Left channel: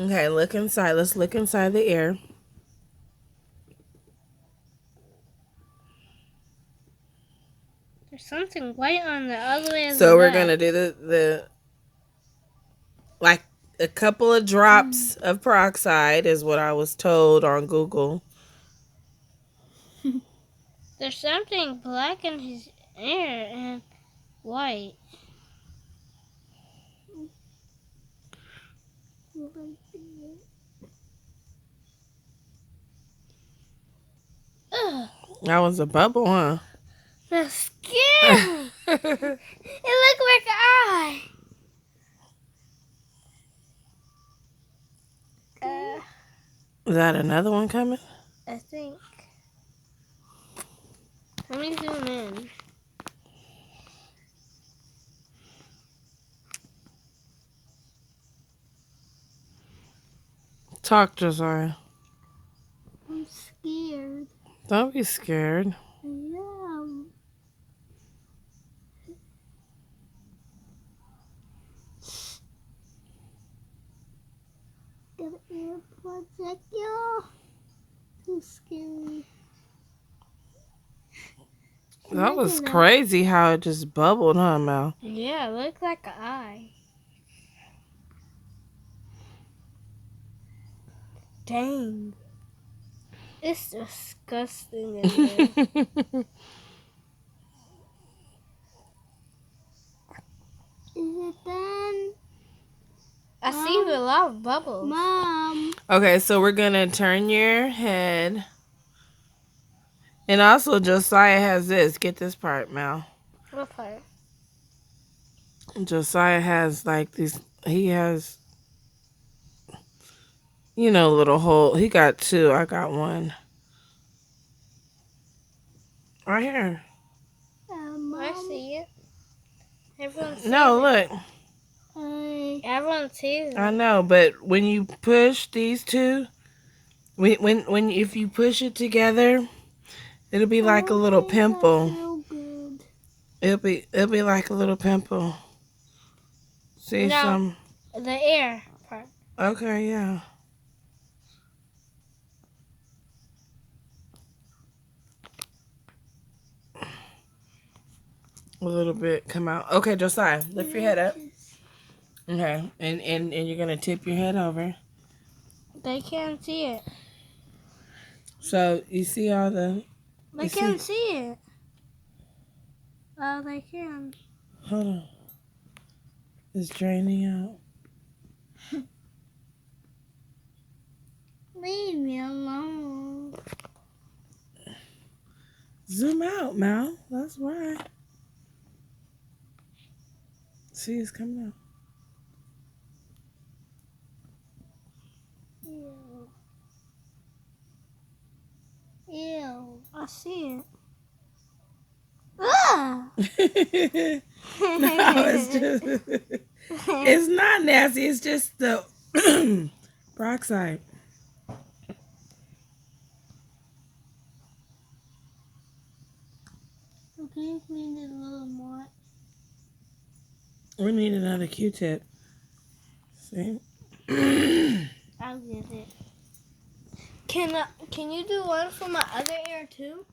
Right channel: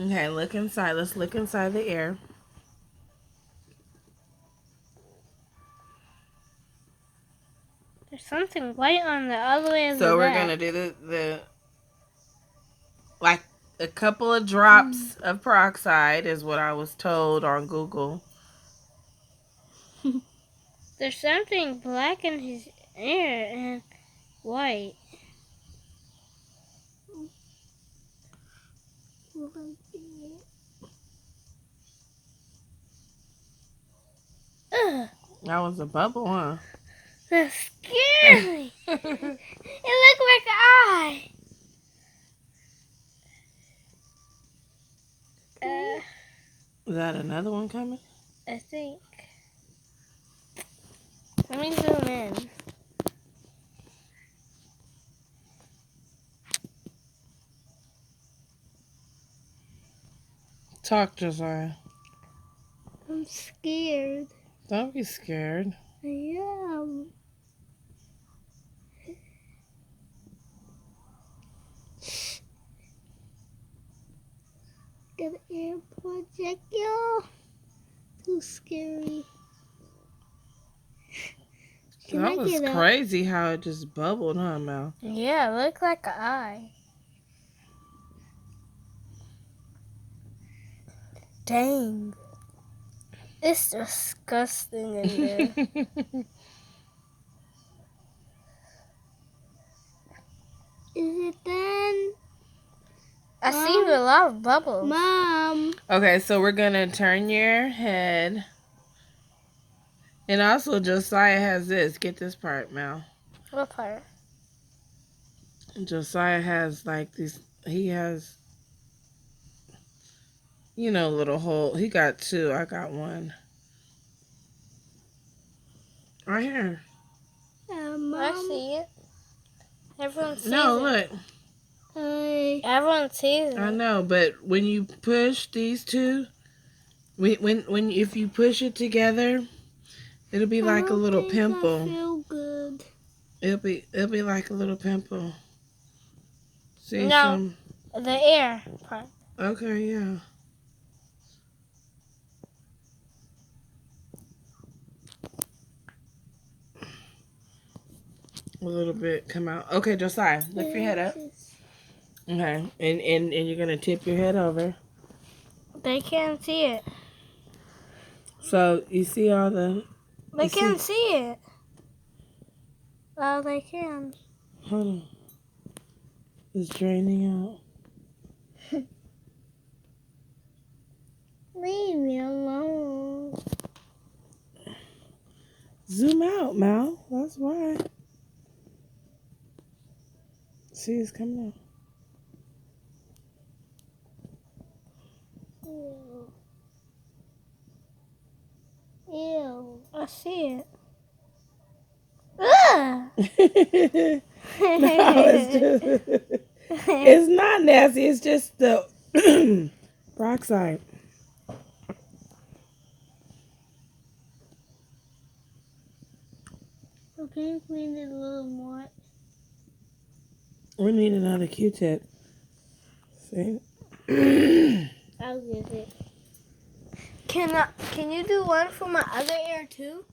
Okay, look inside. Let's look inside the air. There's something white on the other way of the So we're back. gonna do the like a couple of drops of peroxide is what I was told on Google. There's something black in his ear and white. Ugh, That was a bubble, huh? that's scary. It looked like an eye. Is that another one coming? I think. Let me zoom in. Talk, Josiah. I'm scared. Don't be scared. I am. Got an air projectile. Too scary. That was crazy how it just bubbled, huh, Mel? Yeah, it looked like an eye. Dang. It's disgusting in there. Is it done? I see a lot of bubbles. Mom. Okay, so we're gonna turn your head. And also Josiah has this. Get this part, Mel. What part? Josiah has like these, he has, you know, little hole. He got two. I got one. Right here. I see it. Everyone sees No, it. look. Everyone sees it. I know, but when you push these two, when if you push it together, it'll be like a little pimple. I feel good. It'll be like a little pimple. See No, some? the air part. Okay, yeah. A little bit come out. Okay, Josiah, lift your head up. Okay, and you're gonna tip your head over. They can't see it. So you see all the. They can't see it. Oh, they can. Hold on. It's draining out. Leave me alone. Zoom out, Mal. That's right. See, it's coming out. Ew. Ew. I see it. No, it's not nasty. It's just the peroxide. Can you clean it a little more? We need another Q-tip. See? I'll get it. Can you do one for my other ear too?